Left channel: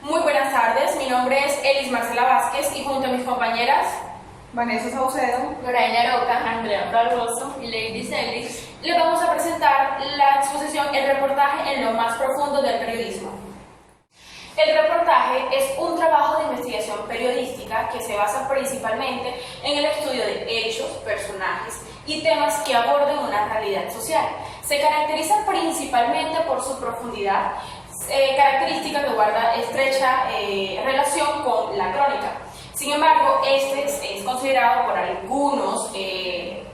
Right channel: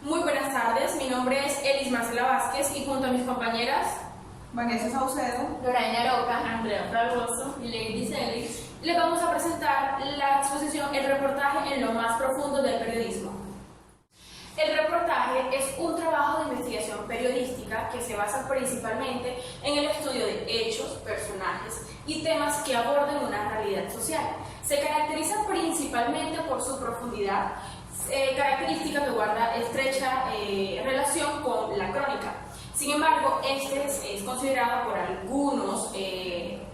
Muy buenas tardes, mi nombre es Elis Marcela Vázquez y junto a mis compañeras Vanessa Saucedo, Loraina Roca, Andrea Fragoso y Lady Celis, les vamos a presentar la exposición El reportaje en lo más profundo del periodismo. El reportaje es un trabajo de investigación periodística que se basa principalmente en el estudio de hechos, personajes y temas que aborden una realidad social. Se caracteriza principalmente por su profundidad, característica que guarda estrecha relación con la crónica. Sin embargo, este es considerado por algunos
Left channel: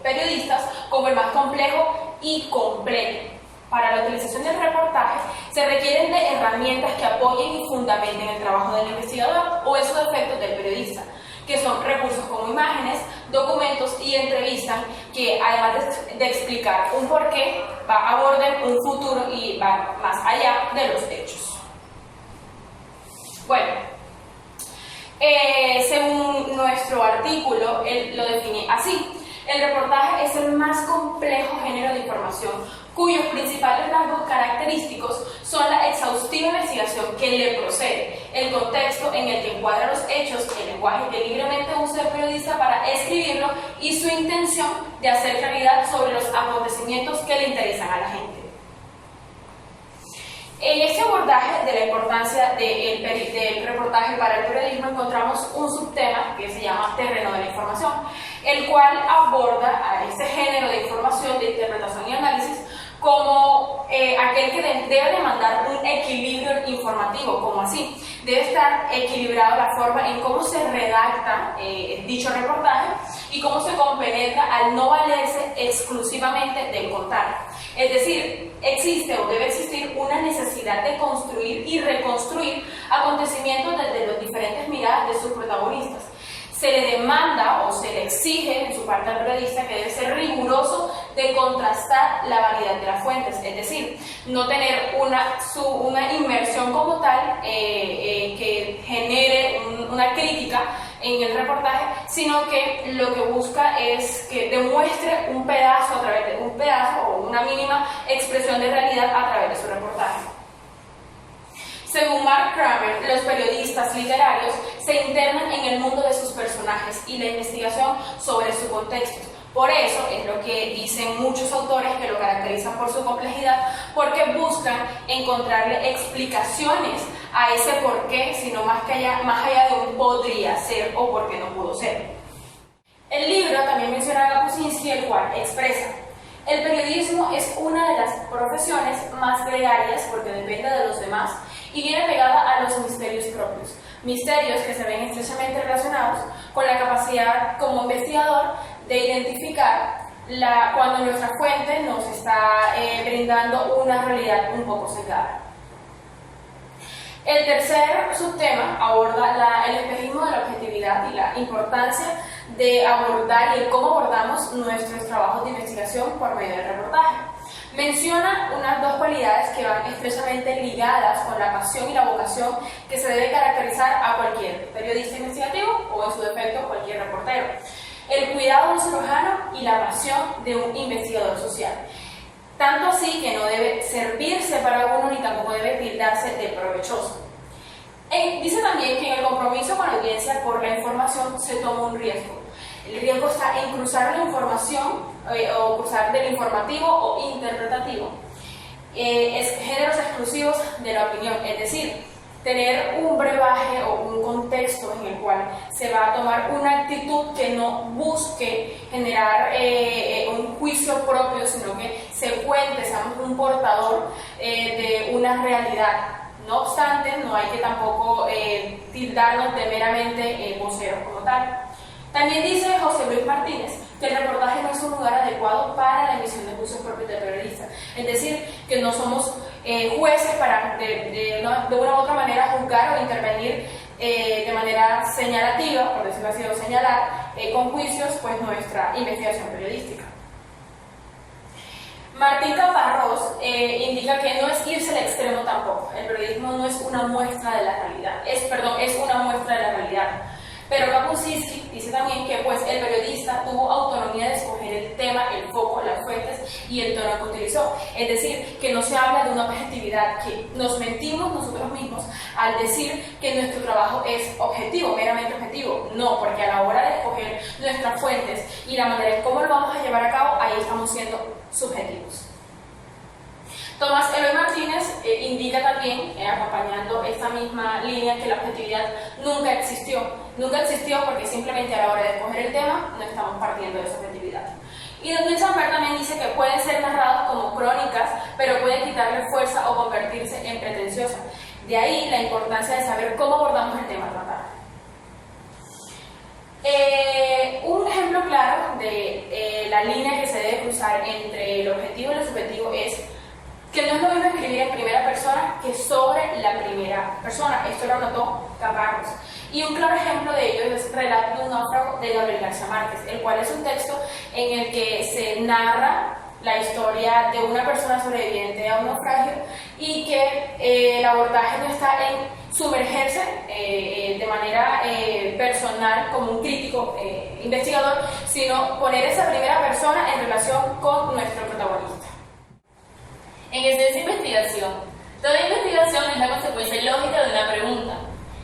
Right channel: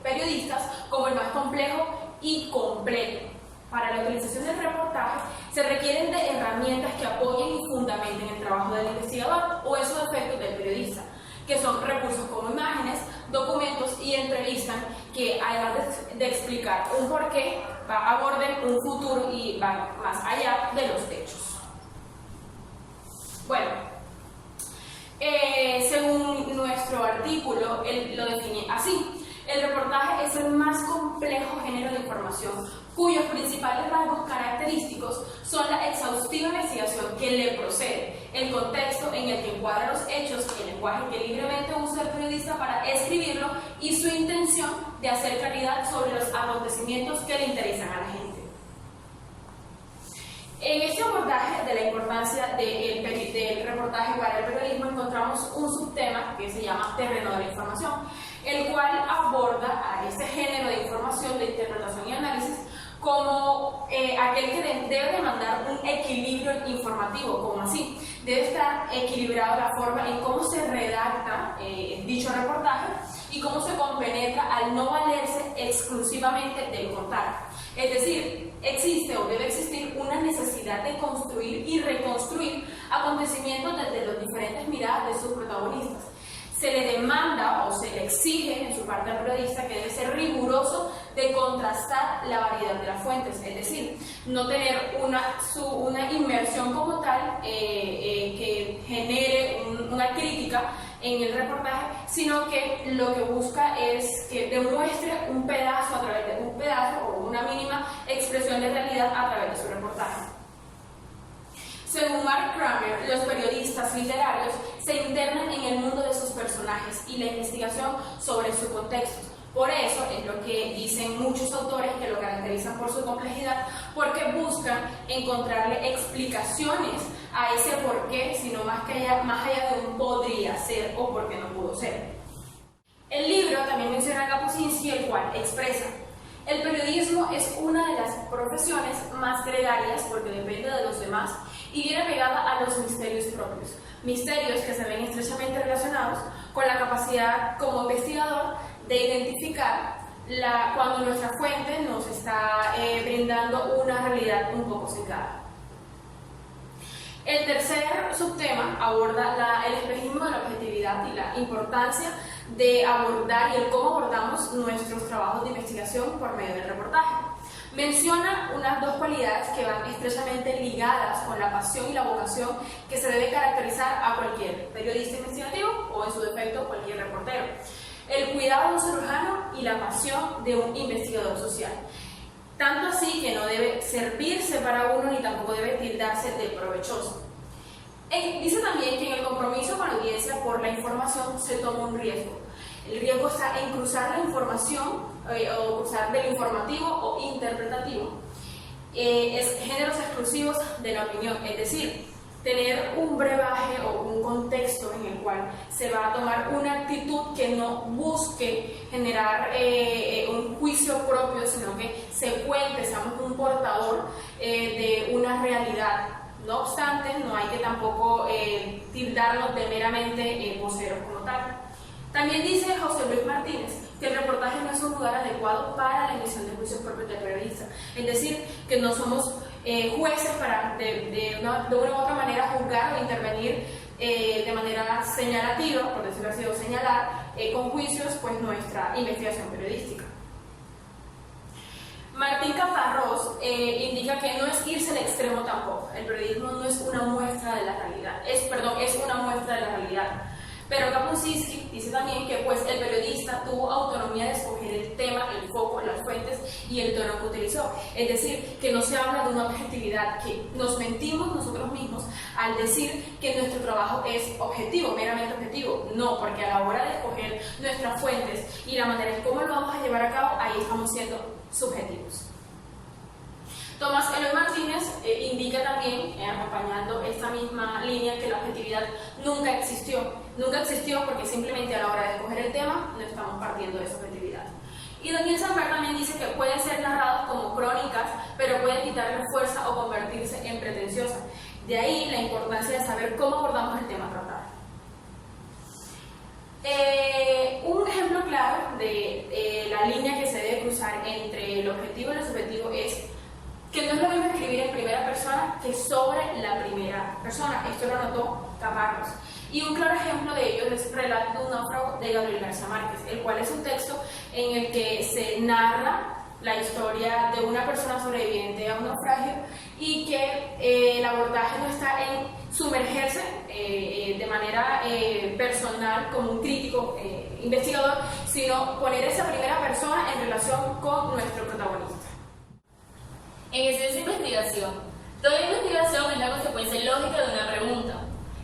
periodistas como el más complejo y completo. Para la utilización del reportaje se requieren de herramientas que apoyen y fundamenten el trabajo del investigador o en su defecto del periodista, que son recursos como imágenes, documentos y entrevistas que, además de explicar un porqué, aborden un futuro y van más allá de los hechos. Bueno, según nuestro artículo, él lo define así: el reportaje es el más complejo género de información cuyos principales rasgos característicos son la exhaustiva investigación que le procede, el contexto en el que encuadra los hechos, el lenguaje que libremente usa el periodista para escribirlo y su intención de hacer claridad sobre los acontecimientos que le interesan a la gente. En este abordaje de la importancia del reportaje para el periodismo encontramos un subtema que se llama terreno de la información, el cual aborda a este género de información, de interpretación y análisis como aquel que debe demandar un equilibrio informativo, como así. Debe estar equilibrado la forma en cómo se redacta dicho reportaje y cómo se compenetra al no valerse exclusivamente del contar. Es decir, existe o debe existir una necesidad de construir y reconstruir acontecimientos desde las diferentes miradas de sus protagonistas. Se le demanda o se le exige en su parte al periodista que debe ser riguroso de contrastar la variedad de las fuentes, es decir, no tener una inmersión como tal que genere una crítica en el reportaje, sino que lo que busca es que demuestre un pedazo o una mínima expresión de realidad a través de su reportaje. Según Mark Kramer, los periodistas literarios se internan en el mundo de sus personajes y la investigación sobre su contexto. Por eso es lo que dicen muchos autores que lo caracterizan por su complejidad, porque buscan encontrarle explicaciones a ese por qué, sino más allá de un podría ser o por qué no pudo ser. El libro también menciona a Kapuscinski, el cual expresa: el periodismo es una de las profesiones más gregarias porque depende de los demás y viene pegada a los misterios propios, misterios que se ven estrechamente relacionados con la capacidad como investigador de identificar cuando nuestra fuente nos está brindando una realidad un poco sesgada. El tercer subtema aborda el espejismo de la objetividad y la importancia de abordar y el cómo abordamos nuestros trabajos de investigación por medio del reportaje. Menciona unas dos cualidades que van estrechamente ligadas con la pasión y la vocación que se debe caracterizar a cualquier periodista investigativo o en su defecto cualquier reportero: el cuidado de un cirujano y la pasión de un investigador social. Tanto así que no debe servirse para uno ni tampoco debe tildarse de provechoso. Dice también que en el compromiso con la audiencia por la información se toma un riesgo. El riesgo está en cruzar la información o cruzar del informativo o interpretativo. Es géneros exclusivos de la opinión, es decir, tener un brebaje o un contexto en el cual se va a tomar una actitud que no busque generar un juicio propio, sino que se cuente, seamos un portador de una realidad. No obstante, no hay que tampoco tildarnos de meramente voceros como tal. También dice José Luis Martínez que el reportaje no es un lugar adecuado para la emisión de juicios propios del periodista, es decir, que no somos jueces para de una u otra manera juzgar o intervenir de manera señalativa, por decirlo así, o señalar con juicios pues nuestra investigación periodística. Martín Caparrós indica que no es irse al extremo tampoco. El periodismo no es una muestra de la realidad, es una muestra de la realidad. Pero Kapuscinski dice también que pues, el periodista tuvo autonomía de escoger el tema, el foco, las fuentes y el tono que utilizó. Es decir, que no se habla de una objetividad, que nos mentimos nosotros mismos al decir que nuestro trabajo es objetivo, meramente objetivo. No, porque a la hora de escoger nuestras fuentes y la manera en cómo lo vamos a llevar a cabo, ahí estamos siendo subjetivos. Tomás Eloy Martínez indica también, acompañando esta misma línea, que la objetividad nunca existió. Nunca existió porque simplemente a la hora de escoger el tema no estamos partiendo de esa objetividad. Y Daniel Samper también dice que pueden ser narrados como crónicas, pero puede quitarle fuerza o convertirse en pretenciosa. De ahí la importancia de saber cómo abordamos el tema a tratar. Un ejemplo claro de la línea que se debe cruzar entre el objetivo y lo subjetivo es que no es lo mismo escribir en primera persona que sobre la primera persona. Esto lo anotó Caparrós. Y un claro ejemplo de ello es Relato de un náufrago de Gabriel García Márquez, el cual es un texto en el que se narra la historia de una persona sobreviviente a un naufragio y que el abordaje no está en sumergerse de manera personal como un crítico investigador, sino poner esa primera persona en relación con nuestro protagonista. En esencia, investigación. Toda investigación es la consecuencia lógica de una pregunta.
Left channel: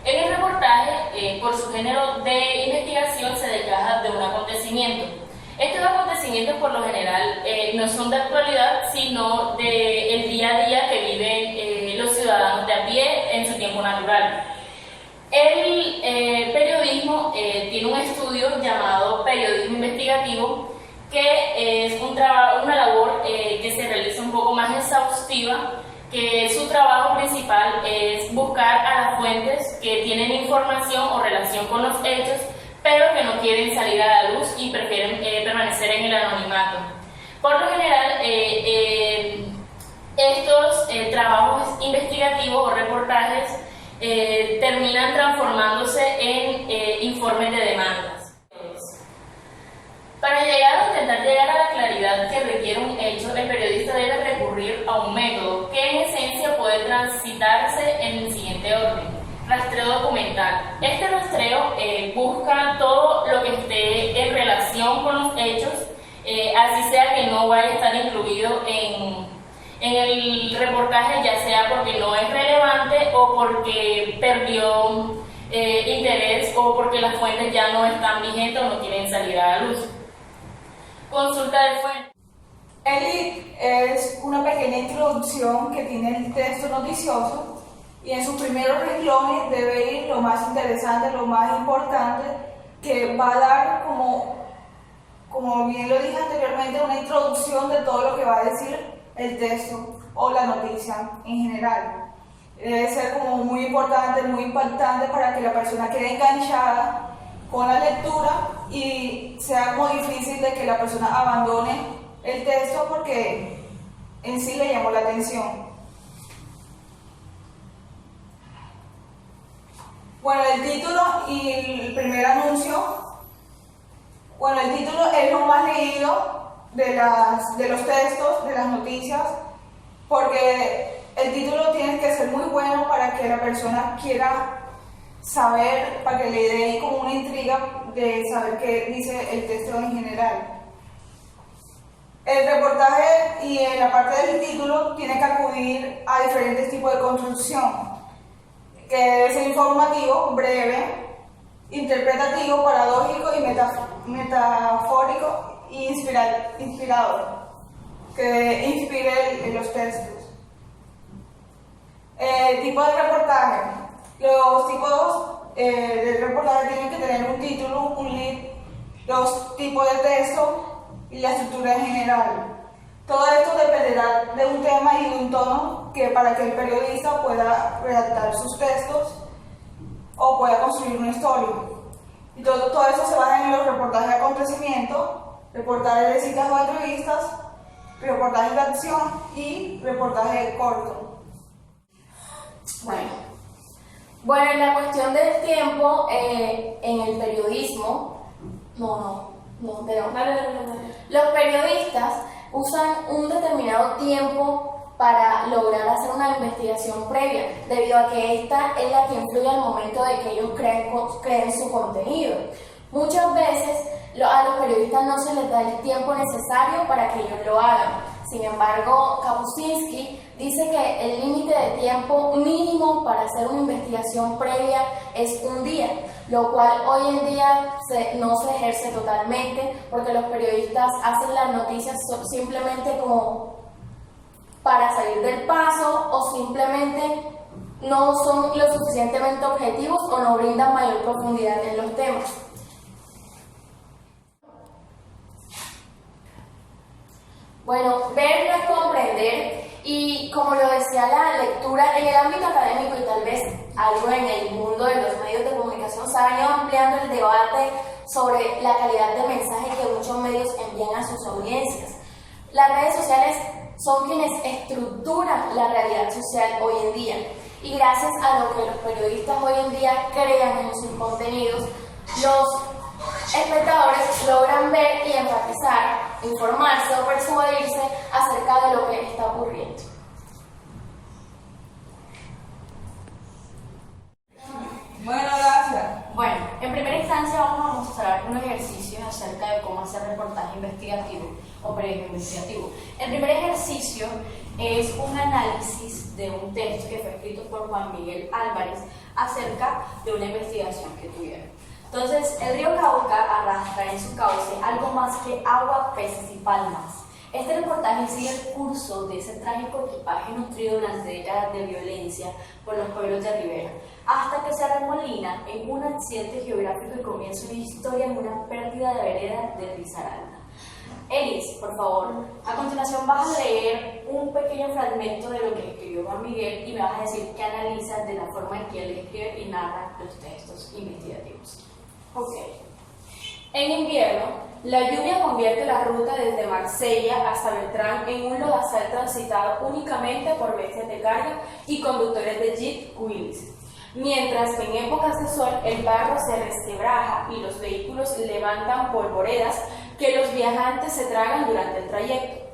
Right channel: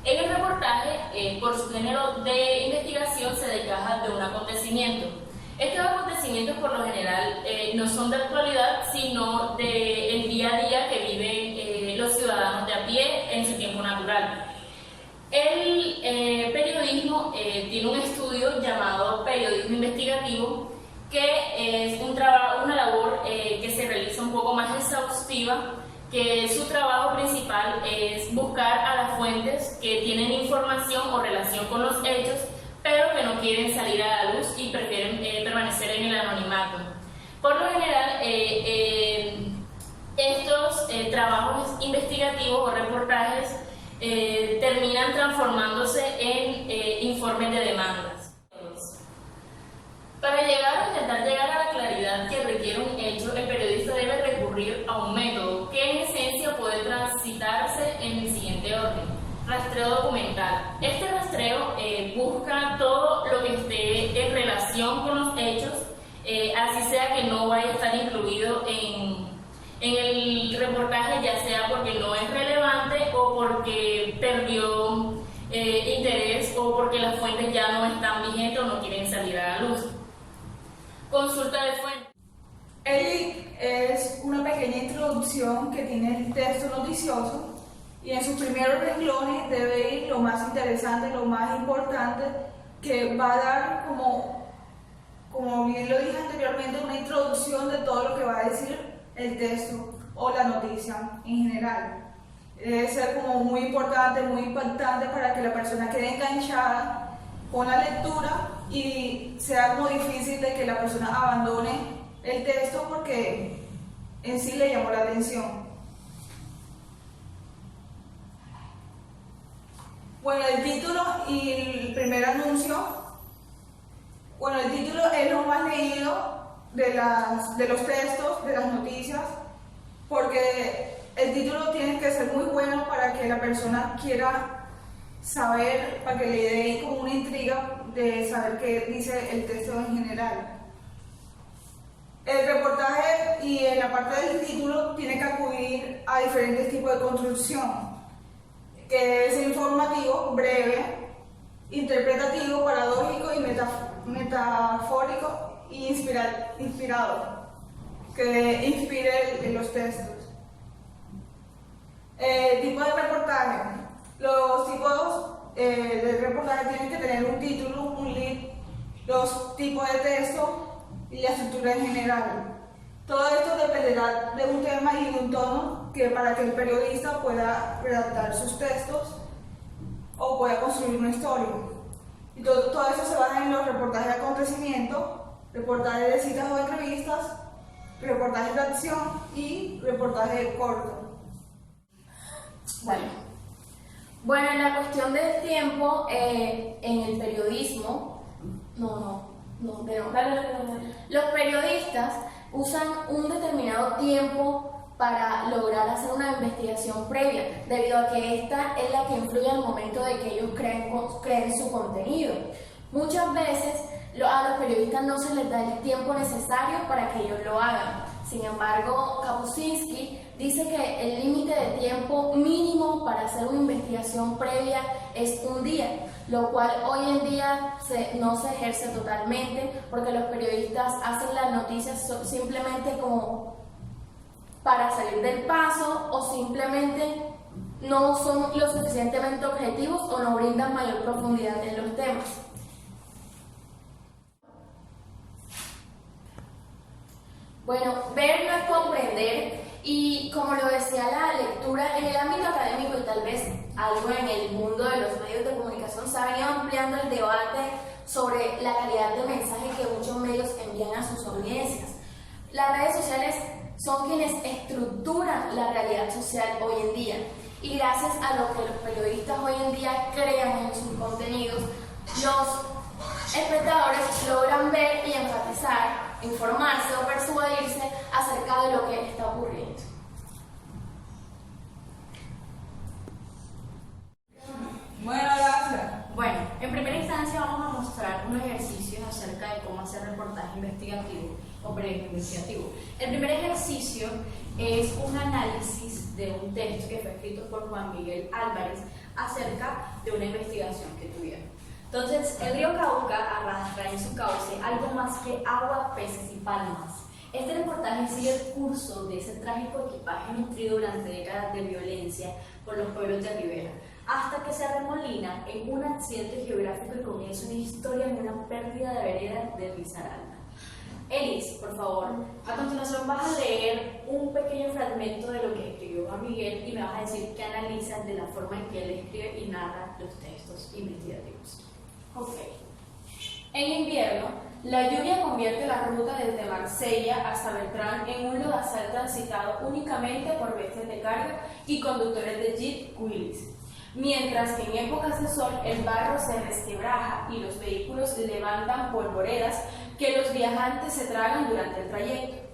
En el reportaje, por su género de investigación, se desgaja de un acontecimiento. Estos acontecimientos, por lo general, no son de actualidad, sino del día a día que viven los ciudadanos de a pie en su tiempo natural. El periodismo tiene un estudio llamado periodismo investigativo, que es una labor que se realiza un poco más exhaustiva, que su trabajo principal es buscar a las fuentes que tienen información o relación con los hechos, pero que no quieren salir a la luz y prefieren permanecer en el anonimato. Por lo general, estos trabajos investigativos o reportajes terminan transformándose en informes de demandas. Para intentar llegar a la claridad que requiere un hecho, el periodista debe recurrir a un método que en esencia puede transitarse en el siguiente orden: rastreo documental. Este rastreo busca todo lo que esté en relación con los hechos, así sea que no vaya a estar incluido en el reportaje, ya sea porque no es relevante o porque perdió interés o porque las fuentes ya no están vigentes o no quieren salir a la luz. Consulta de fuentes. ELIT es una pequeña introducción que tiene el texto noticioso y en sus primeros renglones debe ir lo más interesante, lo más importante, que va a dar, como bien lo dije anteriormente, una introducción de todo lo que va a decir el texto o la noticia en general. Debe ser como muy importante, muy impactante para que la persona quede enganchada con la lectura y sea como difícil de que la persona abandone el texto porque en sí le llamó la atención. Bueno, el título y el primer anuncio. Bueno, el título es lo más leído de los textos, de las noticias, porque el título tiene que ser muy bueno para que la persona quiera saber, para que le dé como una intriga de saber qué dice el texto en general. El reportaje y en la parte del título tiene que acudir a diferentes tipos de construcción, que debe ser informativo, breve, interpretativo, paradójico y metafórico y inspirador, que inspire los textos. Tipo de reportaje. Los tipos de reportaje tienen que tener un título, un lead, los tipos de texto y la estructura en general. Todo esto dependerá de un tema y de un tono para que el periodista pueda redactar sus textos o pueda construir una historia. Y todo eso se basa en los reportajes de acontecimiento, reportajes de citas o entrevistas, reportajes de acción y reportaje corto. Bueno, en la cuestión del tiempo en el periodismo, los periodistas usan un determinado tiempo para lograr hacer una investigación previa, debido a que esta es la que influye al momento de que ellos creen su contenido. Muchas veces a los periodistas no se les da el tiempo necesario para que ellos lo hagan. Sin embargo, Kapuscinski dice que el límite de tiempo mínimo para hacer una investigación previa es un día, lo cual hoy en día no se ejerce totalmente, porque los periodistas hacen las noticias simplemente como para salir del paso, o simplemente no son lo suficientemente objetivos o no brindan mayor profundidad en los temas. Bueno, ver no es comprender, y como lo decía la lectura, en el ámbito académico y tal vez algo en el mundo de los medios de comunicación se ha venido ampliando el debate sobre la calidad de mensaje que muchos medios envían a sus audiencias. Las redes sociales son quienes estructuran la realidad social hoy en día, y gracias a lo que los periodistas hoy en día crean en sus contenidos, los espectadores logran ver y enfatizar, informarse o persuadirse acerca de lo que está ocurriendo. Bueno, gracias. Bueno, en primera instancia vamos a mostrar unos ejercicios acerca de cómo hacer reportaje investigativo o periodismo investigativo. El primer ejercicio es un análisis de un texto que fue escrito por Juan Miguel Álvarez acerca de una investigación que tuvieron. Entonces, el río Cauca arrastra en su cauce algo más que agua, peces y palmas. Este reportaje sigue el curso de ese trágico equipaje nutrido durante décadas de violencia por los pueblos de Rivera, hasta que se arremolina en un accidente geográfico y comienza una historia en una pérdida de vereda de Risaralda. Elis, por favor, a continuación vas a leer un pequeño fragmento de lo que escribió Juan Miguel y me vas a decir qué analizas de la forma en que él escribe y narra los textos investigativos. Ok. En invierno, la lluvia convierte la ruta desde Marsella hasta Beltrán en un lodazal transitado únicamente por bestias de carga y conductores de jeep Willys. Mientras que en épocas de sol el barro se resquebraja y los vehículos levantan polvoredas que los viajantes se tragan durante el trayecto.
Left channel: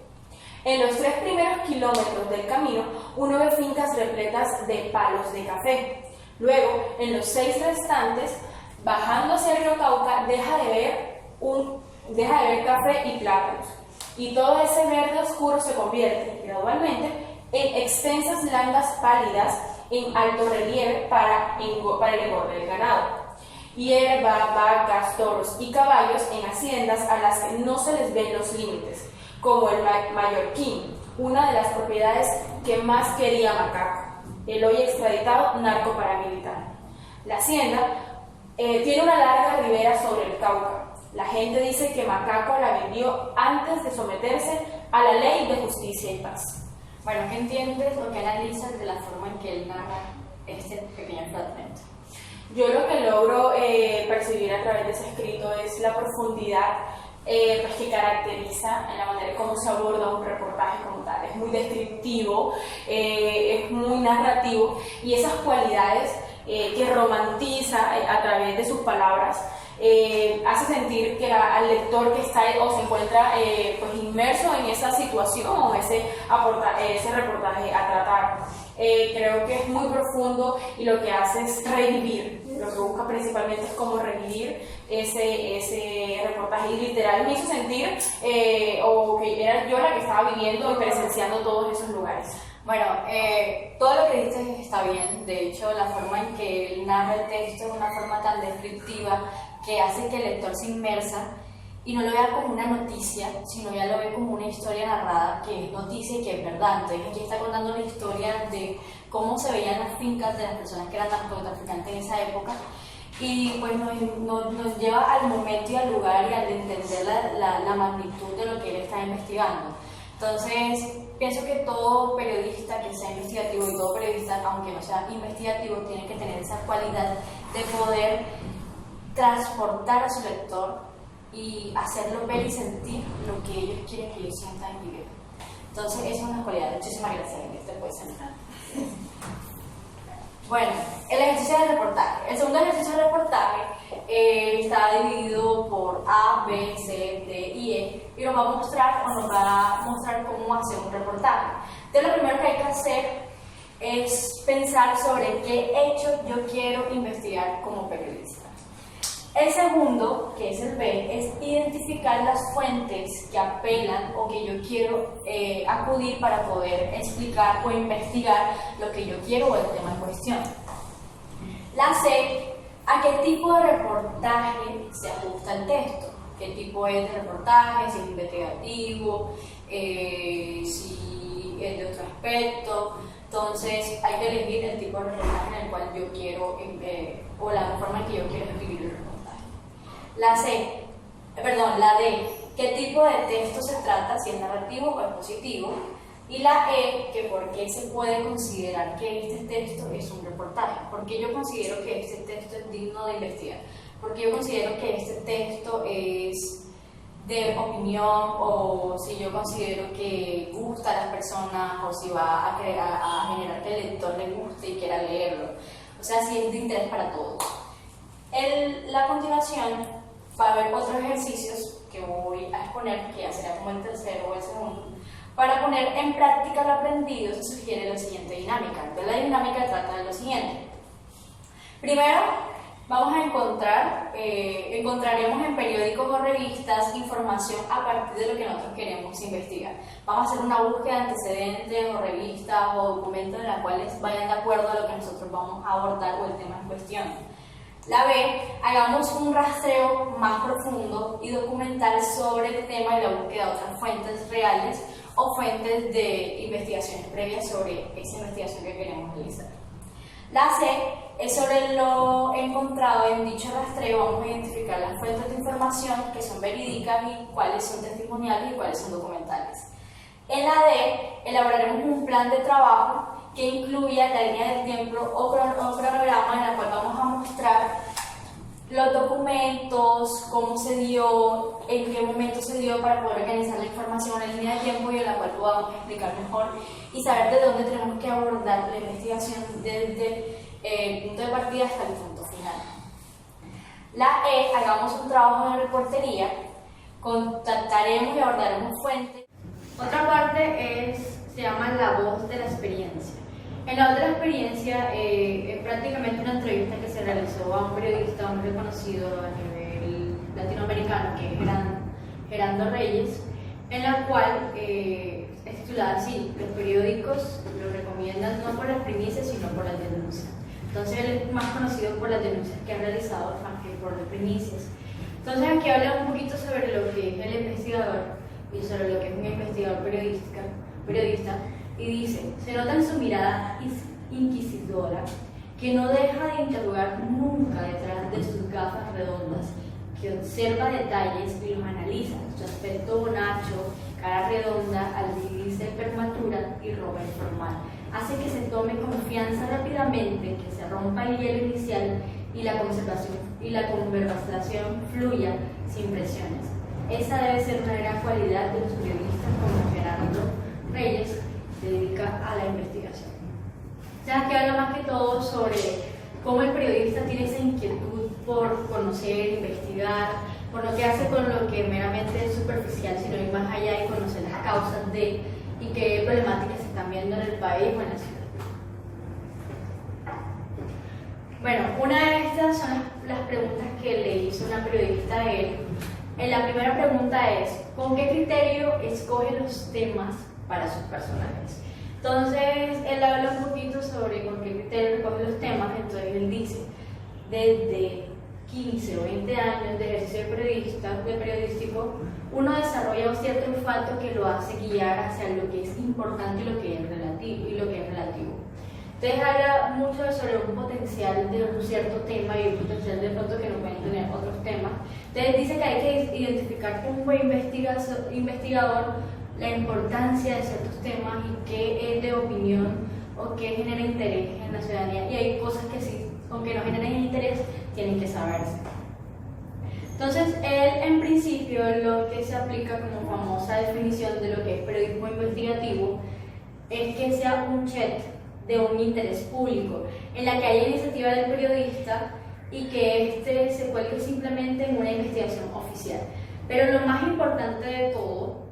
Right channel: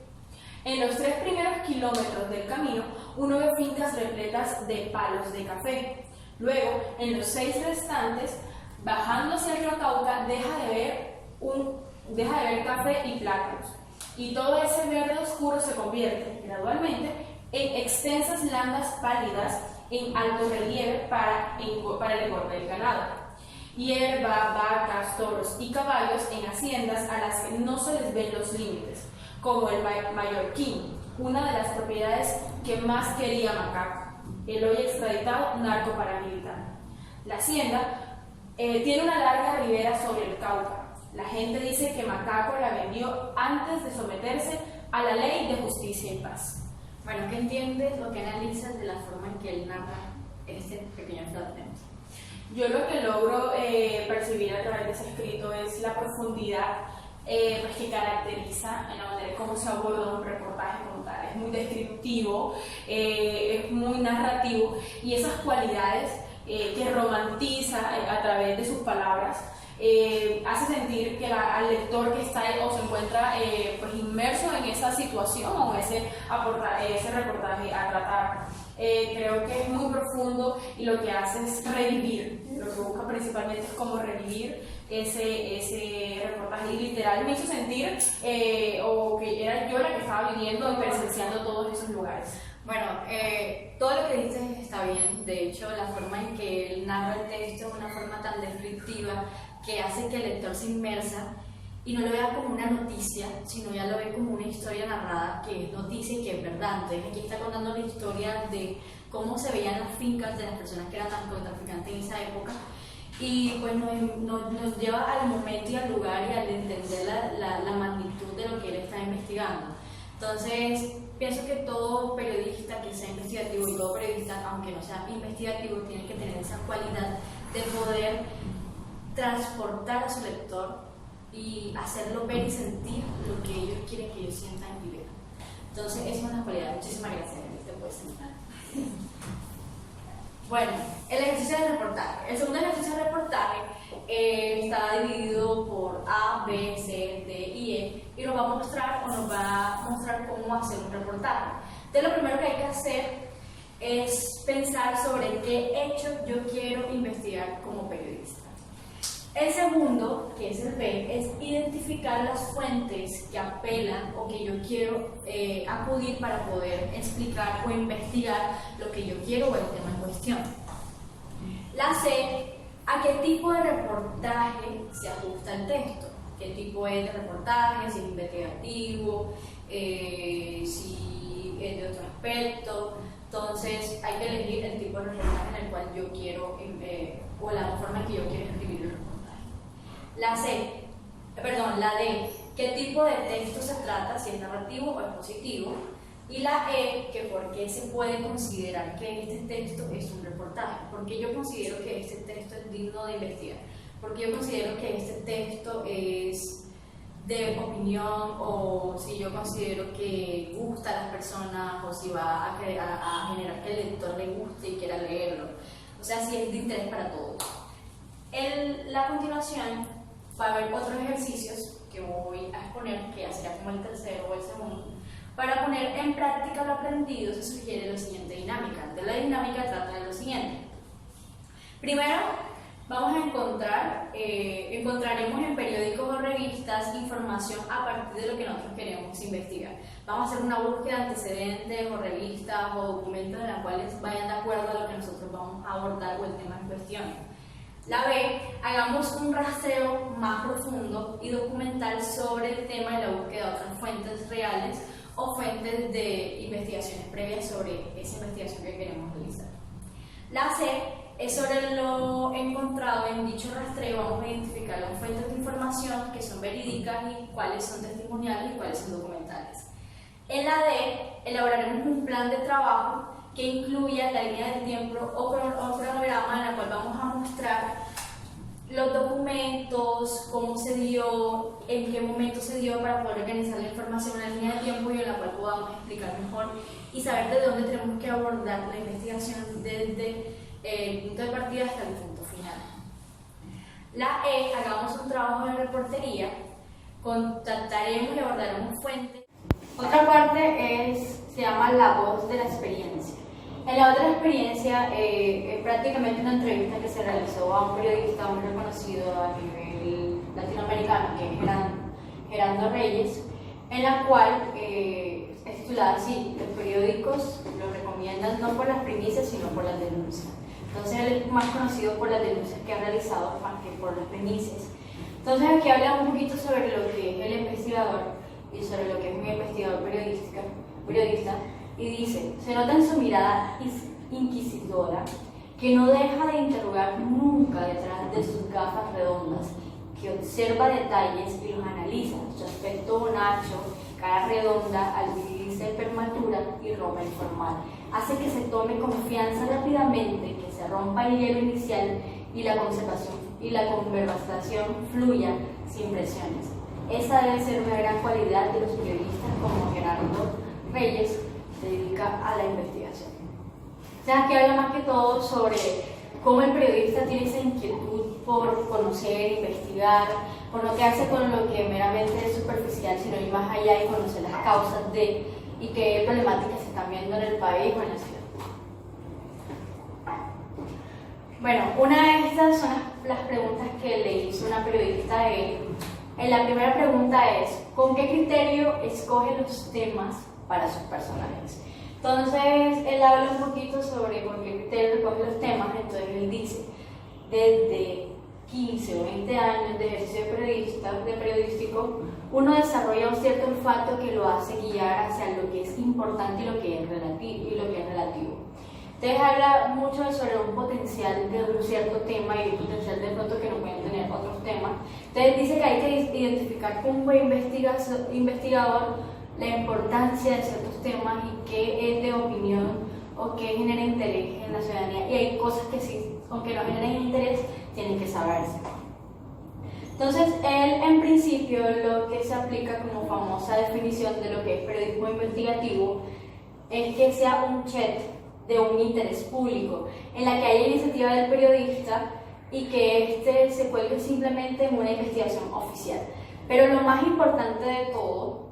En los 3 primeros kilómetros del camino uno ve fincas repletas de palos de café. Luego, en los 6 restantes, bajando hacia el río Cauca, deja de ver café y plátanos, y todo ese verde oscuro se convierte gradualmente en extensas landas pálidas en alto relieve para el engorde del ganado. Hierba, vacas, toros y caballos en haciendas a las que no se les ven los límites, como el Mallorquín, una de las propiedades que más quería Macaco, el hoy extraditado narco paramilitar. La hacienda tiene una larga ribera sobre el Cauca. La gente dice que Macaco la vendió antes de someterse a la ley de justicia y paz. Bueno, ¿qué entiendes o qué analizas de la forma en que él narra este pequeño fragmento? Yo lo que logro percibir a través de ese escrito es la profundidad pues que caracteriza en la manera en cómo se aborda un reportaje como tal. Es muy descriptivo, es muy narrativo, y esas cualidades que romantiza a través de sus palabras hace sentir que al lector que está o se encuentra pues inmerso en esa situación o ese reportaje a tratar. Creo que es muy profundo y lo que hace es revivir, lo que busca principalmente es como revivir ese reportaje, y literal me hizo sentir o que era yo la que estaba viviendo y presenciando todos esos lugares. Bueno, todo lo que dices está bien. De hecho, la forma en que él narra el texto es una forma tan descriptiva que hace que el lector se inmersa y no lo vea como una noticia, sino ya lo ve como una historia narrada, que es noticia y que es verdad. Entonces aquí está contando la historia de cómo se veían las fincas de las personas que eran narcotraficantes en esa época, y pues nos lleva al momento y al lugar y al entender la magnitud de lo que él está investigando. Entonces, pienso que todo periodista que sea investigativo y todo periodista, aunque no sea investigativo, tiene que tener esa cualidad de poder transportar a su lector y hacerlo ver y sentir lo que ellos quieren que ellos sientan y vivan. Entonces, esa es una cualidad. Muchísimas gracias, Enrique. Te puedes sentar. Bueno, el ejercicio de reportaje. El segundo ejercicio de reportaje está dividido por A, B, C, D y E, y nos va a mostrar cómo hacer un reportaje. Entonces, lo primero que hay que hacer es pensar sobre qué hecho yo quiero investigar como periodista. El segundo, que es el B, es identificar las fuentes que apelan o que yo quiero acudir para poder explicar o investigar lo que yo quiero o el tema en cuestión. La C, a qué tipo de reportaje se ajusta el texto, qué tipo es de reportaje, si es investigativo, si es de otro aspecto. Entonces hay que elegir el tipo de reportaje en el cual yo quiero, o la forma en que yo quiero escribir el reportaje. La D, qué tipo de texto se trata, si es narrativo o expositivo. Y la E, que por qué se puede considerar que este texto es un reportaje. ¿Por qué yo considero que este texto es digno de investigar? Porque yo considero que este texto es de opinión, o si yo considero que gusta a las personas, o si va a generar que el lector le guste y quiera leerlo. O sea, si es de interés para todos. La continuación va a haber otros ejercicios que voy a exponer, que ya será como el tercero o el segundo. Para poner en práctica lo aprendido se sugiere la siguiente dinámica. Entonces, la dinámica trata de lo siguiente. Primero, vamos a encontraremos en periódicos o revistas información a partir de lo que nosotros queremos investigar. Vamos a hacer una búsqueda de antecedentes o revistas o documentos en los cuales vayan de acuerdo a lo que nosotros vamos a abordar o el tema en cuestión. La B, hagamos un rastreo más profundo y documental sobre el tema y la búsqueda de otras fuentes reales o fuentes de investigaciones previas sobre esa investigación que queremos realizar. La C es sobre lo encontrado en dicho rastreo. Vamos a identificar las fuentes de información que son verídicas y cuáles son testimoniales y cuáles son documentales. En la D, elaboraremos un plan de trabajo que incluya la línea del tiempo o cronograma en la cual vamos a mostrar los documentos, cómo se dio, en qué momento se dio, para poder organizar la información en la línea de tiempo y en la cual podamos explicar mejor y saber de dónde tenemos que abordar la investigación desde el punto de partida hasta el punto final. La E, hagamos un trabajo de reportería, contactaremos y abordaremos fuentes. Otra parte se llama la voz de la experiencia. En la otra experiencia es prácticamente una entrevista que se realizó a un periodista muy reconocido a nivel latinoamericano, que es Gerando Reyes, en la cual es titulada así: los periódicos lo recomiendan no por las primicias sino por las denuncias. Entonces él es más conocido por las denuncias que ha realizado más que por las primicias. Entonces aquí habla un poquito sobre lo que es el investigador y sobre lo que es un investigador periodista, y dice: se nota en su mirada inquisidora que no deja de interrogar nunca detrás de sus gafas redondas, que observa detalles y los analiza. Su aspecto bonacho, cara redonda, albiricia y prematura y ropa informal hace que se tome confianza rápidamente, que se rompa el hielo inicial y la conversación fluya sin presiones. Esa debe ser una gran cualidad de los periodistas como Gerardo Reyes, se dedica a la investigación. O sea, que habla más que todo sobre cómo el periodista tiene esa inquietud por conocer, investigar, por no quedarse con lo que meramente es superficial, sino ir más allá y conocer las causas de y qué problemáticas se están viendo en el país o en la ciudad. Bueno, una de estas son las preguntas que le hizo una periodista a él. La primera pregunta es: ¿con qué criterio escoge los temas para sus personajes? Entonces él habla un poquito sobre con qué criterio escoge los temas. Entonces él dice: desde 15 o 20 años de ejercicio periodístico, uno desarrolla un cierto olfato que lo hace guiar hacia lo que es importante y lo que es relativo. Entonces habla mucho sobre un potencial de un cierto tema y un potencial de pronto que no pueden tener otros temas. Entonces dice que hay que identificar como un buen investigador la importancia de ciertos temas y qué es de opinión o qué genera interés en la ciudadanía. Y hay cosas que sí, aunque no generen interés, tienen que saberse. Entonces él en principio lo que se aplica como famosa definición de lo que es periodismo investigativo es que sea un check de un interés público, en la que haya iniciativa del periodista y que éste se cuelgue simplemente en una investigación oficial. Pero lo más importante de todo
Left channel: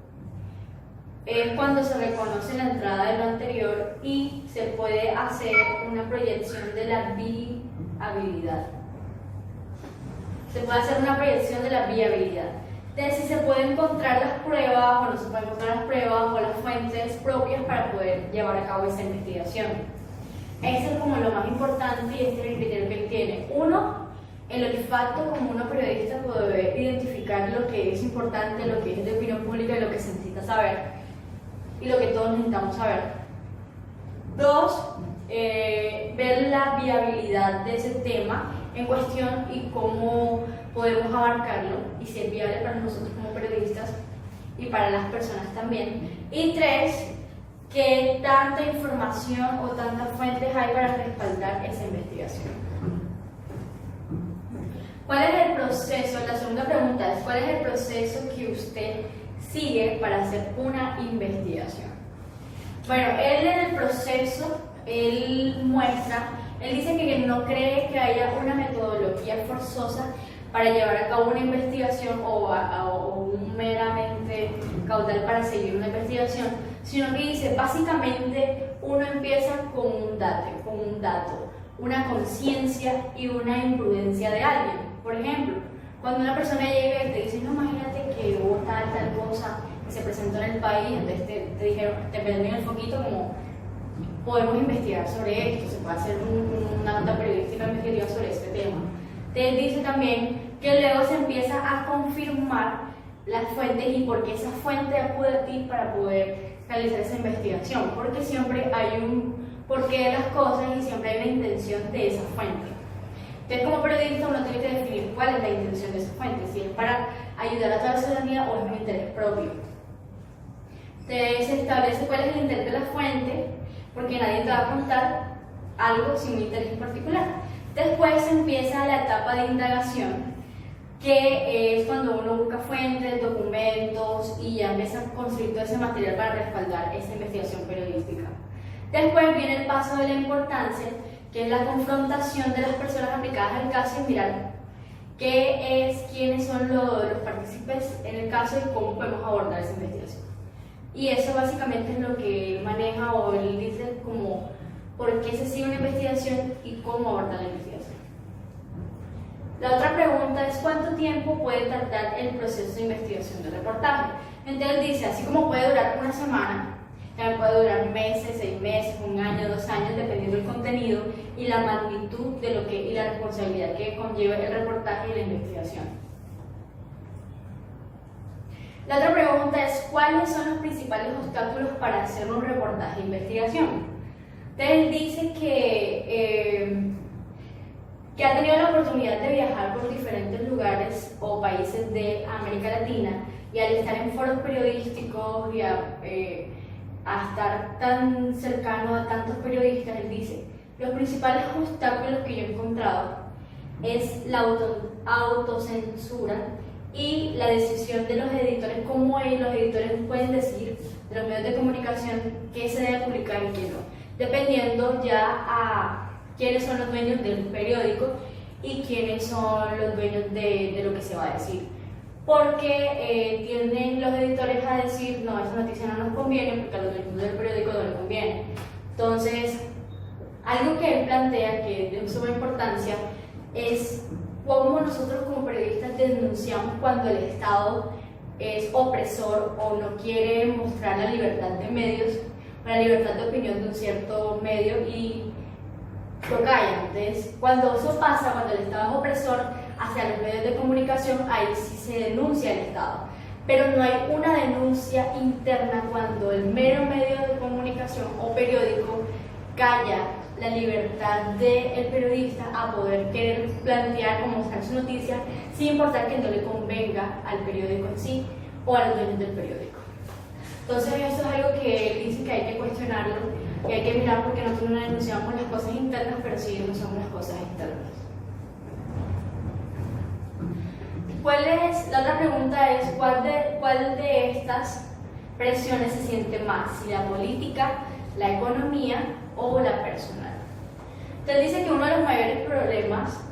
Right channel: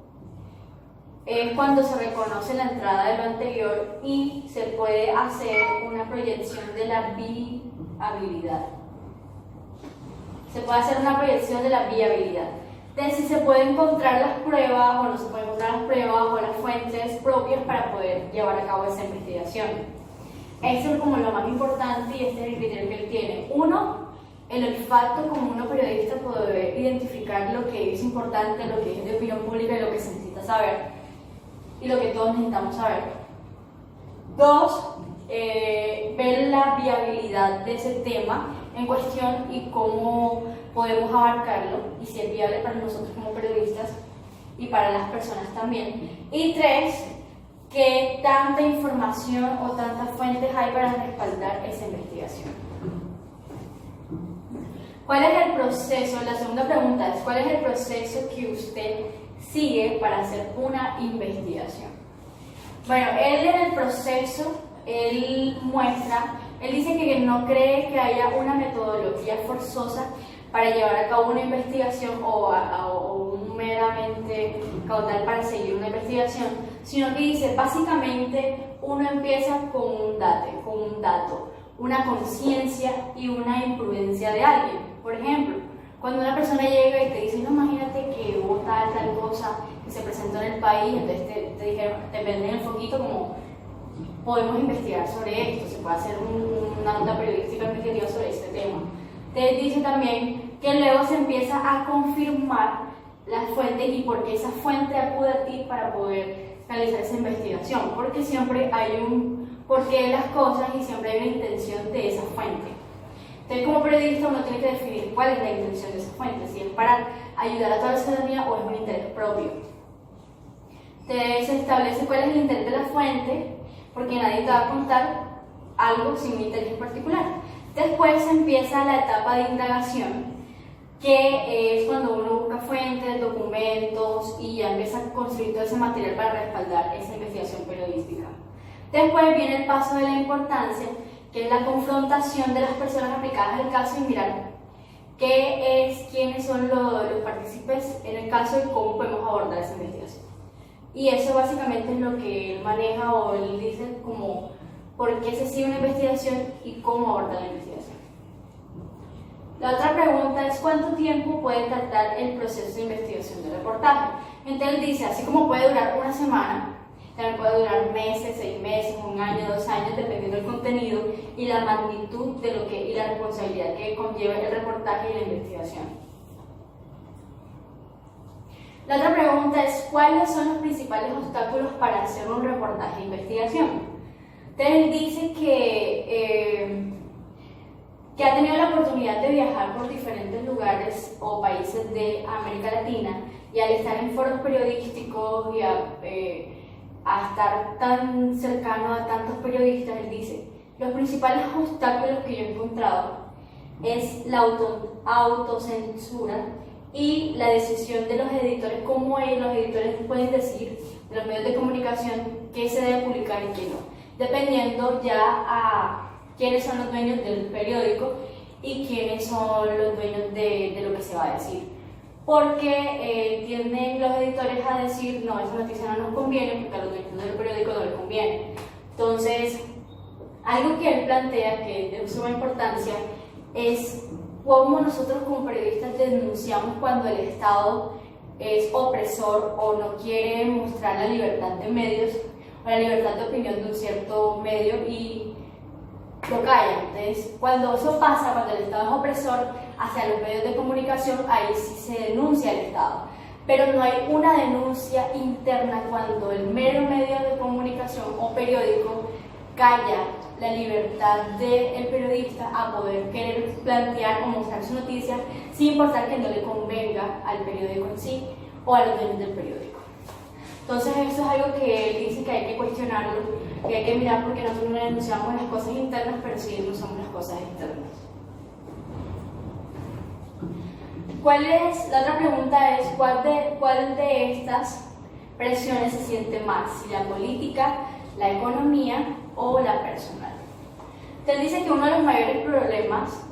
es cuando se reconoce la entrada de lo anterior y se puede hacer una proyección de la viabilidad. Se puede hacer una proyección de la viabilidad. De si se pueden encontrar las pruebas o no se pueden encontrar las pruebas o las fuentes propias para poder llevar a cabo esa investigación. Eso es como lo más importante y este es el criterio que él tiene. Uno, el olfato, como uno periodista puede identificar lo que es importante, lo que es de opinión pública y lo que se necesita saber y lo que todos necesitamos saber. Dos, ver la viabilidad de ese tema en cuestión y cómo podemos abarcarlo y si es viable para nosotros como periodistas y para las personas también. Y tres, qué tanta información o tantas fuentes hay para respaldar esa investigación. ¿Cuál es el proceso? La segunda pregunta es, ¿cuál es el proceso que usted sigue para hacer una investigación? Bueno, él en el proceso, él dice que no cree que haya una metodología forzosa para llevar a cabo una investigación o un meramente caudal para seguir una investigación, sino que dice, básicamente uno empieza con un dato, una conciencia y una imprudencia de alguien. Por ejemplo, cuando una persona llega y te dice, no, imagínate que hubo tal cosa que se presentó en el país, entonces te dijeron, te prenden el foquito como, podemos investigar sobre esto, se puede hacer una nota periodística investigativa sobre este tema. Te dice también que luego se empieza a confirmar las fuentes y por qué esa fuente acude a ti para poder realizar esa investigación, porque siempre hay un porqué de las cosas y siempre hay una intención de esa fuente. Entonces, como periodista uno tiene que definir cuál es la intención de esa fuente, si es para ayudar a toda la ciudadanía o es un interés propio. Entonces se establece cuál es el interés de la fuente, porque nadie te va a contar algo sin un interés en particular. Después empieza la etapa de indagación, que es cuando uno busca fuentes, documentos y ya empieza a construir todo ese material para respaldar esa investigación periodística. Después viene el paso de la importancia, que es la confrontación de las personas aplicadas al caso y mirar quiénes son los partícipes en el caso y cómo podemos abordar esa investigación. Y eso básicamente es lo que él maneja o él dice como por qué se sigue una investigación y cómo abordar la investigación. La otra pregunta es cuánto tiempo puede tardar el proceso de investigación del reportaje. Entonces él dice, así como puede durar una semana, también puede durar meses, 6 meses, 1 año, 2 años, dependiendo del contenido y la magnitud de lo que y la responsabilidad que conlleva el reportaje y la investigación. La otra pregunta es ¿cuáles son los principales obstáculos para hacer un reportaje de investigación? Entonces él dice que ha tenido la oportunidad de viajar por diferentes lugares o países de América Latina y al estar en foros periodísticos y a estar tan cercano a tantos periodistas, él dice, los principales obstáculos que yo he encontrado es la autocensura y la decisión de los editores, cómo los editores pueden decir de los medios de comunicación qué se debe publicar y qué no, dependiendo ya a quiénes son los dueños del periódico y quiénes son los dueños de lo que se va a decir. Porque tienden los editores a decir, no, esa noticia no nos conviene porque a los dueños del periódico no les conviene. Entonces, algo que él plantea que es de suma importancia es cómo nosotros como periodistas denunciamos cuando el Estado es opresor o no quiere mostrar la libertad de medios o la libertad de opinión de un cierto medio y lo callan. Entonces, cuando eso pasa, cuando el Estado es opresor hacia los medios de comunicación, ahí sí se denuncia al Estado. Pero no hay una denuncia interna cuando el mero medio de comunicación o periódico calla la libertad del periodista a poder querer plantear o mostrar su noticia sin importar que no le convenga al periódico en sí o a los dueños del periódico. Entonces eso es algo que él dice que hay que cuestionarlo y hay que mirar porque nosotros no denunciamos las cosas internas, pero sí denunciamos las cosas externas. La otra pregunta es ¿cuál de estas presiones se siente más? Si la política, la economía o la personal. Entonces dice que uno de los mayores problemas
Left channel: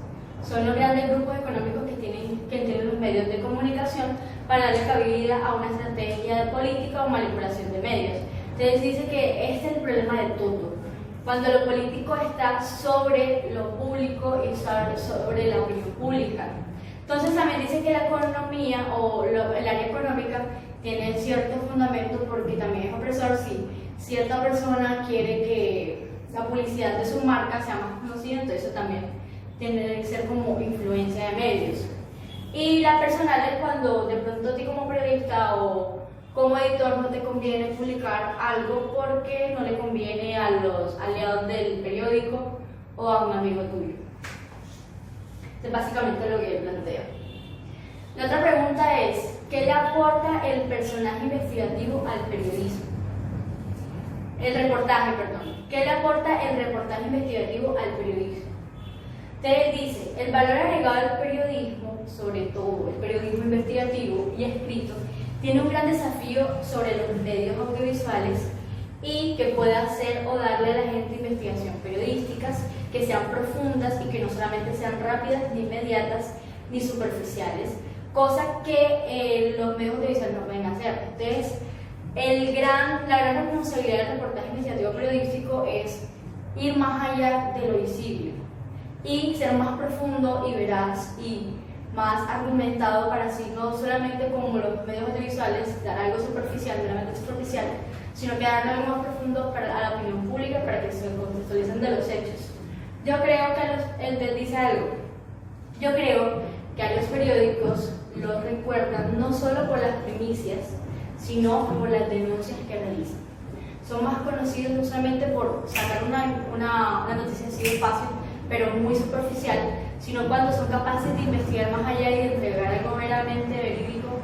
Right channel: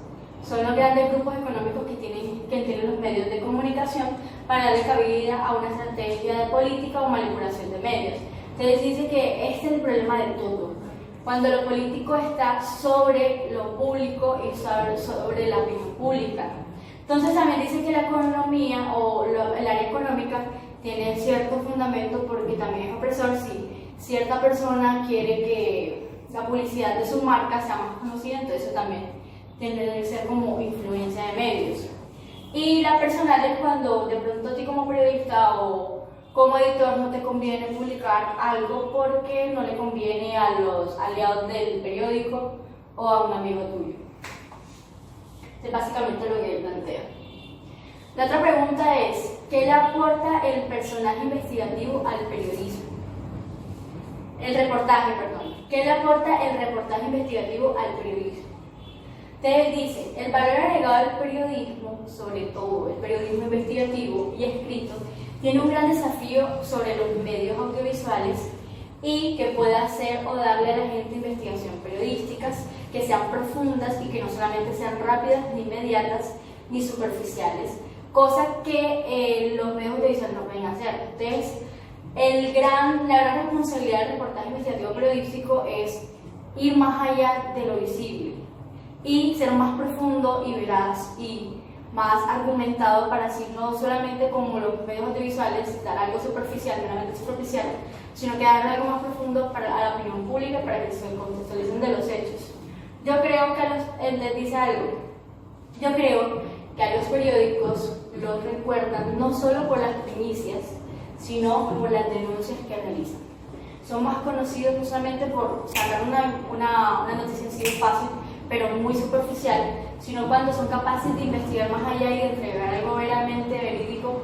Son los grandes grupos económicos que tienen los medios de comunicación para darle cabida a una estrategia de política o manipulación de medios. Entonces dice que este es el problema de todo. Cuando lo político está sobre lo público y sobre la opinión pública. Entonces también dice que la economía o el área económica tiene cierto fundamento porque también es opresor si cierta persona quiere que la publicidad de su marca sea más conocida, entonces eso también tiene que ser como influencia de medios. Y la personal es cuando de pronto a ti como periodista o como editor no te conviene publicar algo porque no le conviene a los aliados del periódico o a un amigo tuyo. Es básicamente lo que yo planteo. La otra pregunta es, ¿qué le aporta el personaje investigativo al periodismo? El reportaje, perdón. ¿Qué le aporta el reportaje investigativo al periodismo? Entonces dice, el valor agregado del periodismo, sobre todo el periodismo investigativo y escrito, tiene un gran desafío sobre los medios audiovisuales y que pueda hacer o darle a la gente investigación periodísticas que sean profundas y que no solamente sean rápidas, ni inmediatas, ni superficiales, cosa que los medios audiovisuales no pueden hacer. Entonces, la gran responsabilidad del reportaje investigativo periodístico es ir más allá de lo visible y ser más profundo y veraz y más argumentado para así no solamente como los medios audiovisuales dar algo superficial, meramente superficial, sino que darle algo más profundo a la opinión pública para que se contextualicen de los hechos. Yo creo que dice algo, yo creo que a los periódicos los recuerdan no solo por las primicias, sino por las denuncias que realizan. Son más conocidos no solamente por sacar una noticia así de fácil, pero muy superficial, sino cuando son capaces de investigar más allá y de entregar algo meramente verídico